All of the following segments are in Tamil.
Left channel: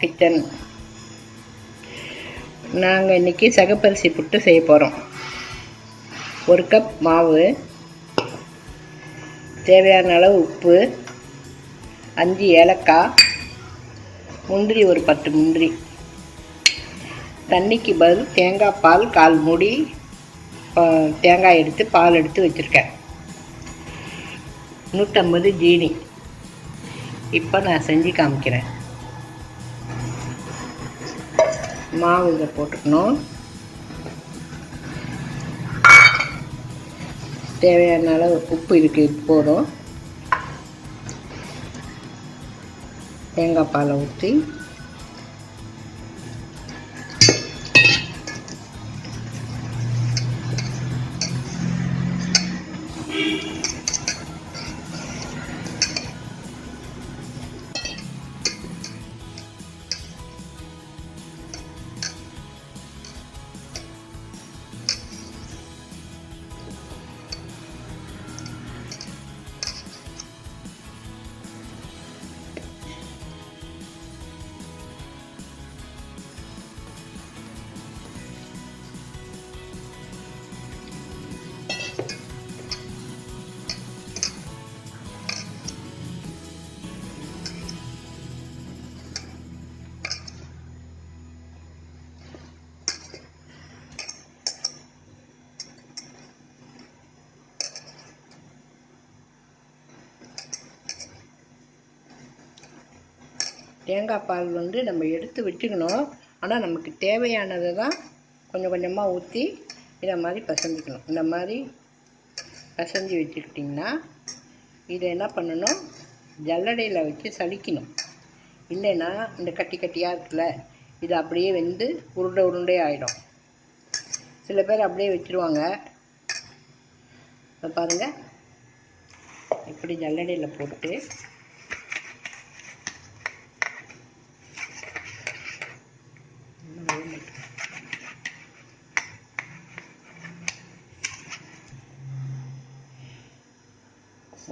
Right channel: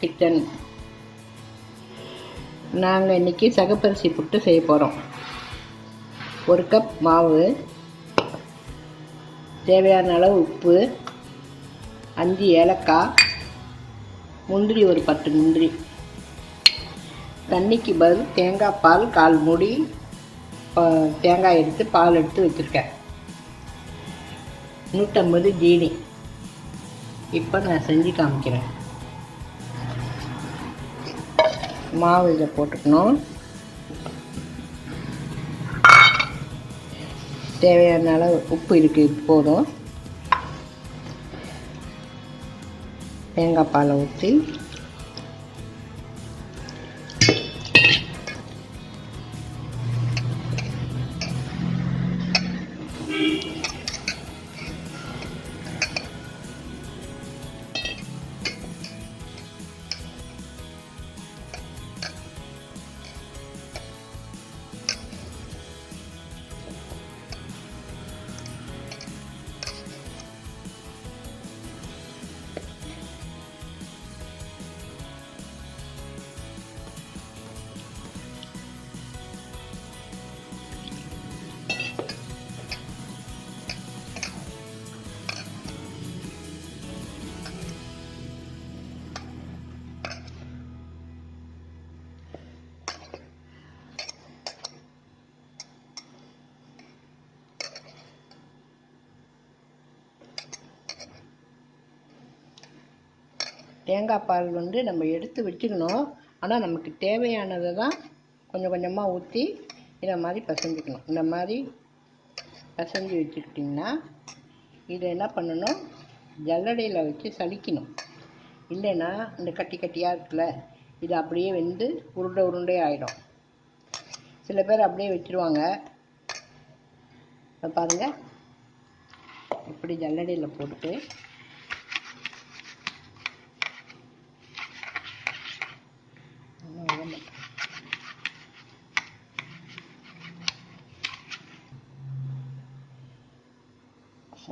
கிச்சன். நாங்கள் இன்றைக்கி சகப்பரிசி புட்டு செய்ய போகிறோம். 1 கப் மாவு, தேவையான அளவு உப்பு, 5 ஏலக்காய், முந்திரி ஒரு 10 முந்திரி. தண்ணிக்கு பதில் தேங்காய் பால் 1/4 மூடி தேங்காய் எடுத்து பால் எடுத்து வச்சுருக்கேன். 150 ஜீனி. இப்போ நான் செஞ்சு காமிக்கிறேன். மாவு இதில் போட்டுக்கணும். தேவையான அளவு உப்பு இருக்குது, போதும். தேங்காய் பாலை ஊற்றி தேங்காய் பால் நம்ம எடுத்து வச்சுக்கணும். ஆனால் நமக்கு தேவையானதை தான் கொஞ்சம் கொஞ்சமாக ஊற்றி இதை மாதிரி பசஞ்சிக்கணும். இந்த மாதிரி பசஞ்சு வச்சுக்கிட்டிங்கன்னா இதை என்ன பண்ணணும், ஜல்லடையில் வச்சு சலிக்கணும். இல்லைன்னா இந்த கட்டி கட்டியாக இருக்குல்ல, இது அப்படியே வெந்து உருண்டை உருண்டை ஆகிடும். சில பேர் அப்படியே வச்சுருவாங்க. பாருங்கள், இப்படி ஜல்லடையில் போட்டு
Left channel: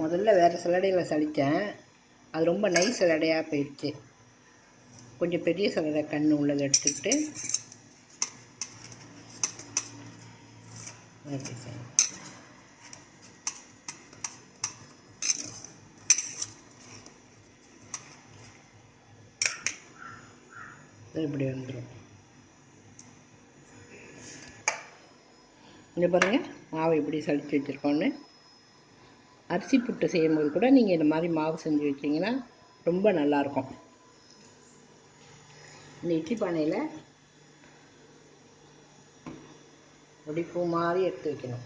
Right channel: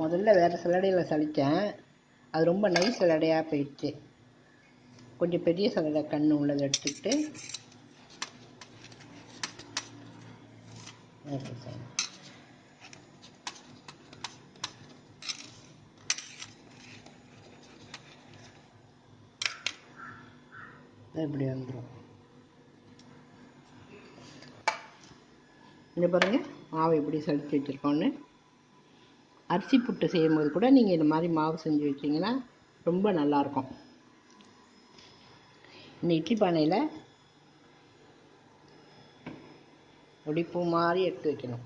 முதல்ல வேறு சல்லடையில் சலித்தேன். அது ரொம்ப நைஸ் சல்லடையாக போயிடுச்சு. கொஞ்சம் பெரிய சல்லடை கண் உள்ளதை எடுத்துக்கிட்டு இப்படி வந்துடும். இங்கே பாருங்கள், மாவு எப்படி சலித்து வச்சுருக்கோன்னு. அரிசி புட்டு செய்யும்போது கூட நீங்கள் இந்த மாதிரி மாவு செஞ்சு வச்சிங்கன்னா ரொம்ப நல்லாயிருக்கும். இந்த இட்லி பானையில் ஒடிப்பூ மாதிரி எடுத்து வைக்கணும்.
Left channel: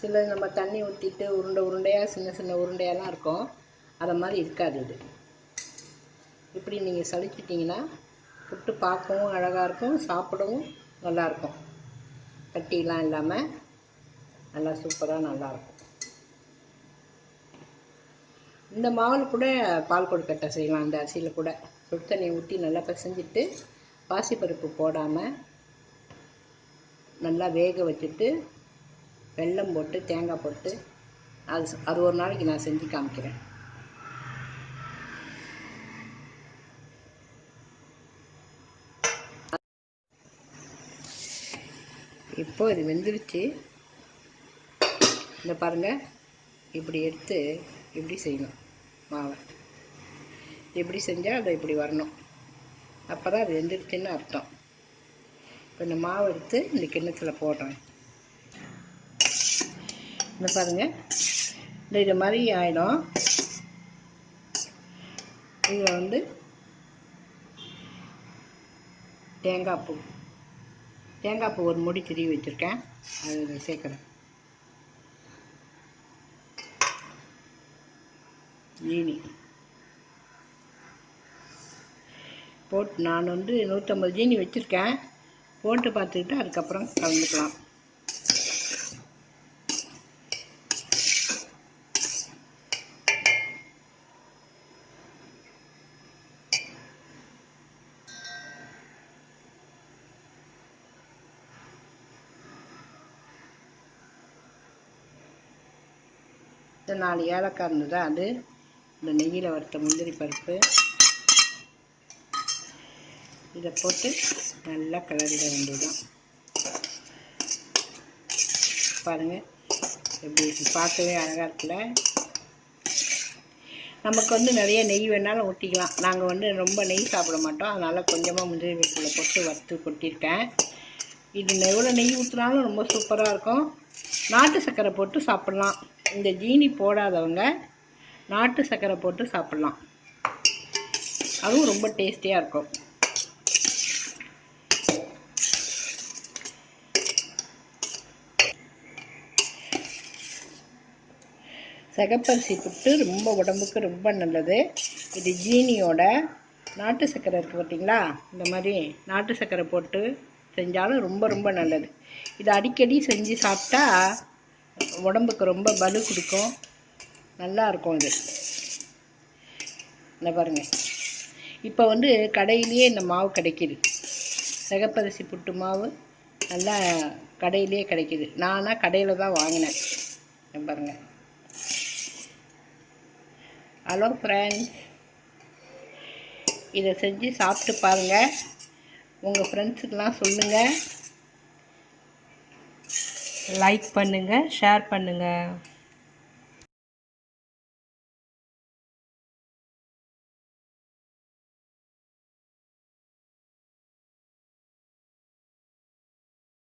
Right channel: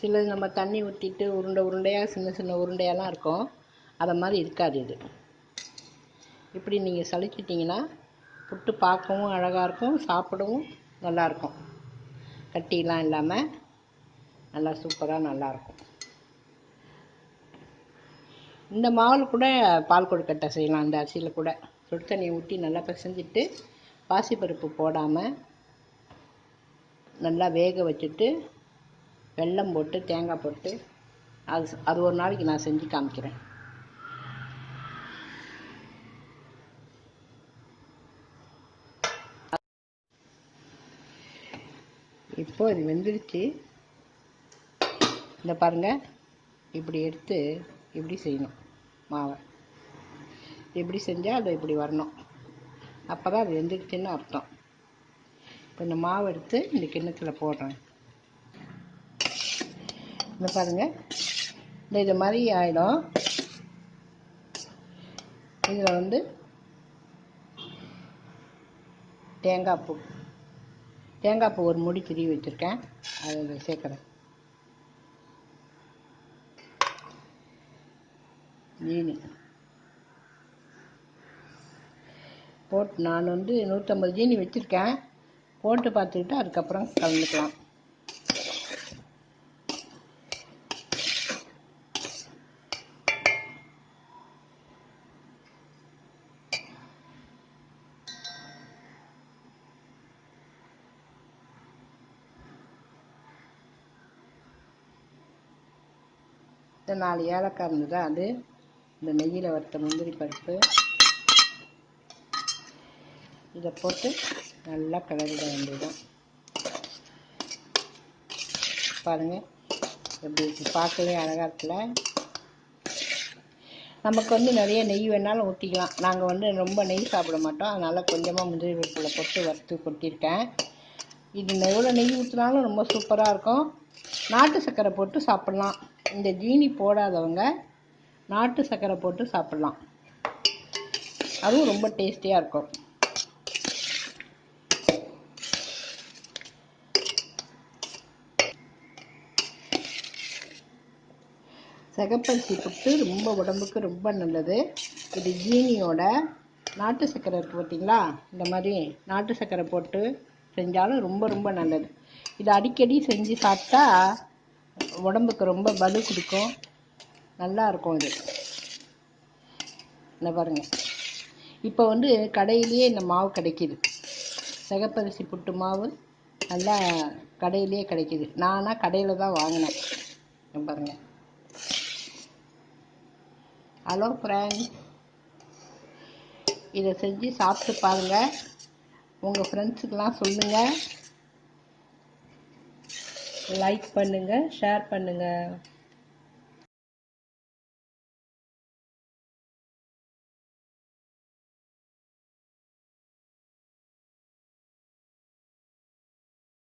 சில நம்ம தண்ணி ஊற்றிட்டு உருண்டை உருண்டையாக சின்ன சின்ன உருண்டையெல்லாம் இருக்கும். அதை மாதிரி இருக்காது இது. இப்படி நீங்கள் சலிச்சிட்டிங்கன்னா புட்டு பார்க்கவும் அழகாக இருக்கும், சாப்பிடவும் நல்லாயிருக்கும். கட்டிலாம் இல்லாமல் நல்லா சூப்பராக நல்லாயிருக்கும். இந்த மாவில் கூட பால் கொழுக்கட்டை செய்யலாம். அந்த அரிசியில் கூட சுடு தண்ணி ஊற்றி நல்லா பிசைஞ்சிட்டு பாசிப்பருப்பு போடாமல் நல்லா வேக வச்சுட்டு வெல்லம் போட்டு தேங்காய் போட்டு அது ஒரு நாளைக்கு நான் செஞ்சு காமிக்கிறேன். இப்போ இது வெந்துடுச்சு. இந்த பாருங்கள், இப்படி எடுத்து இப்படி செய்யணும். மாவை இப்படி செஞ்சால் அது இப்படி வரணும். அப்போ தான் அது வெந்துடுச்சுன்னு அர்த்தம். இப்போ இந்த மாவு எடுத்து இந்த கிண்ணத்தில் போடுறேன். இந்த பாருங்கள், இது மாதிரி ஆகிடும். இதில் தேங்காய் பூ ஒரு மூடி திருவி வச்சுருக்கேன். அதை சேர்க்குறேன். ஜீனி போட்டு நான் 150 ஜீனி வச்சுருக்கேன். போட்டு பார்த்துக்கிட்டு அதுக்கப்புறம் கலந்துக்கலாம். இந்த 4 ஏலக்காய் இருந்தது, அது இந்த நெய்யில் வறுத்த முந்திரி பருப்பு இதை போட்டு நல்லா கிளறிட வேண்டியதுதான். பாருங்கள் எப்படி இருக்குது, பார்க்கவே அழகாக இருக்குல்ல. நமக்கு வந்து நிறைய நெய் வேணாலும் ஊற்றிக்கலாம். நாங்கள் வந்து ரொம்ப நெய் சாப்பிட மாட்டோம், அதனால் கொஞ்சமாக முந்திரி பருப்பில் போட்டு வறுத்து கொட்டியிருக்கேன். இது எவ்வளோ நெய் ஊற்றினாலும் ரொம்ப சூப்பராக இருக்கும். நாட்டு சர்க்கரை போட்டு சாப்பிட்லாம். இந்த ஜீனி போடாதவங்க நாட்டு சர்க்கரை போட்டு சாப்பிட்லாம், அதுவும் ரொம்ப டேஸ்டியாக இருக்கும். சிகப்பரிசி புட்டு ரொம்ப உடம்புக்கு ரொம்ப நல்லது. இது ஜீனியோட நாட்டு சர்க்கரை இருக்குது பார்த்தீங்களா, இந்த மாதிரி நாட்டு சர்க்கரை போட்டு செஞ்சாலும் ரொம்ப ரொம்ப நல்லது. இது அடிக்கடி செஞ்சு சாப்பிட்டா உடம்புக்கு ரொம்ப பலு கொடுக்கும், நல்லா இருக்கும். இது இந்த பாருங்கள், இப்போ வந்து கடையிலேயே இந்த மாவு கிடைக்கிது, சிகப்பரிசி புட்டு மாவு நல்லா கடையிலே கிடைக்கிது. நானாக கடையில் தான் வாங்கினேன். பாருங்கள். ஹலோ ஃப்ரெண்ட்ஸ், இதை செஞ்சு சாப்பிட்டு பாருங்கள், உங்கள் ஃப்ரெண்ட்ஸுக்கெலாம் சொல்லுங்கள், லைக் பண்ணுங்கள், ஷேர் பண்ணுங்கள்.